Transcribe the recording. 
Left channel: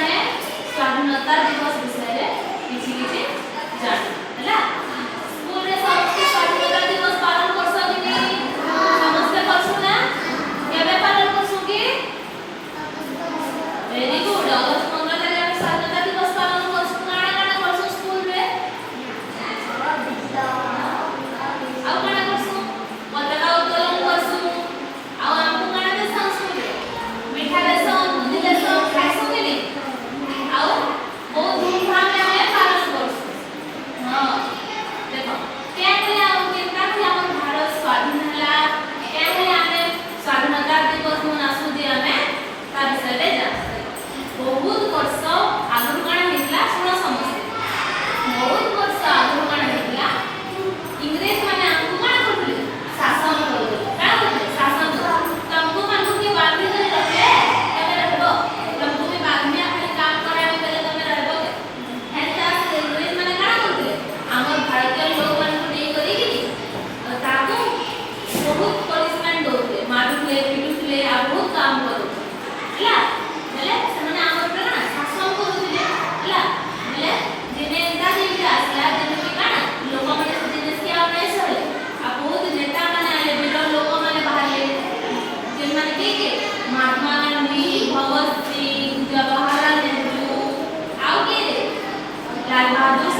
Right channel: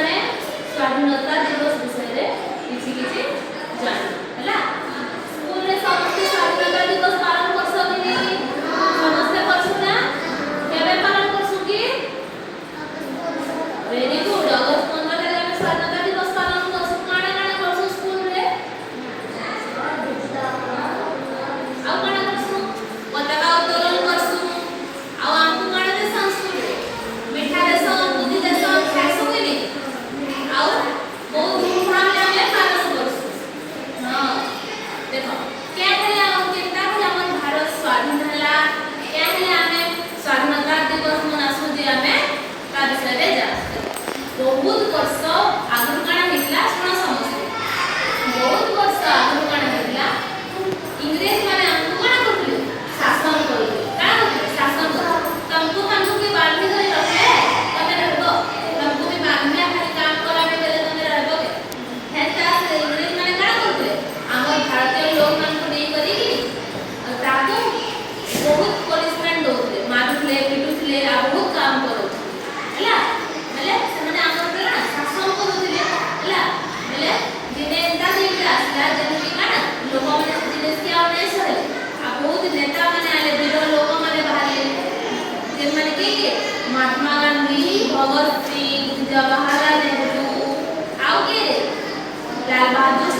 स्वाधीनता दिवस विषय किसी किसी जान हला स्कूल रे समस्त स्वाधीनता दिवस पालन करसो कि नहीं समस्त करसु ना केबे पालन करसु कि वेरी गुड अगस्त 15 रे केबे स्वाधीनता दिवस पालन करसु काना काना करसु स्कूल रे आ काना करसु पताका उत्तोलन करसु आ आमु काना दे संस्कृति मिठा देसो बुद्धि देसो खाइसु कि नहीं आओ बहुत धूमधाम से हमें पालन करसु हां देखो क्या करे आओ केता कि हमर भारत स्वाधीन हला क्या करे हमें स्वाधीनता दिवस मनासु जे हमें ता विषय रे जा बहुत वर्ष आगु काना हितला सुनो समझते बहुत वर्ष आगु काना हितला इंग्रेज माने हमको काना करले शासन करले का करले शासन करले तुमको मानू के बांधी कर रखे तबे रहबो तुमको भी बांधने खाली काम कराबे बेले तबे रहबो हेता इंग्रेज माने का करले हमर भारतीय लोग मान को नहीं करी कि ताको बहुत पनिशमेंट दोते मारुले पिटुले आ बहुत काम करो हला हला सेमाने हमर पर शासन करूले हला हला दिने एंता दिन आसला दिन के काना लोक माने दिन से आ नहीं सहे आ बहुत नेता माने आले बिरो लोक माने बाहरले दिन माने के महात्मा गांधी भगत सिंह जवाहरलाल नेहरू आओ के लाल बहादुर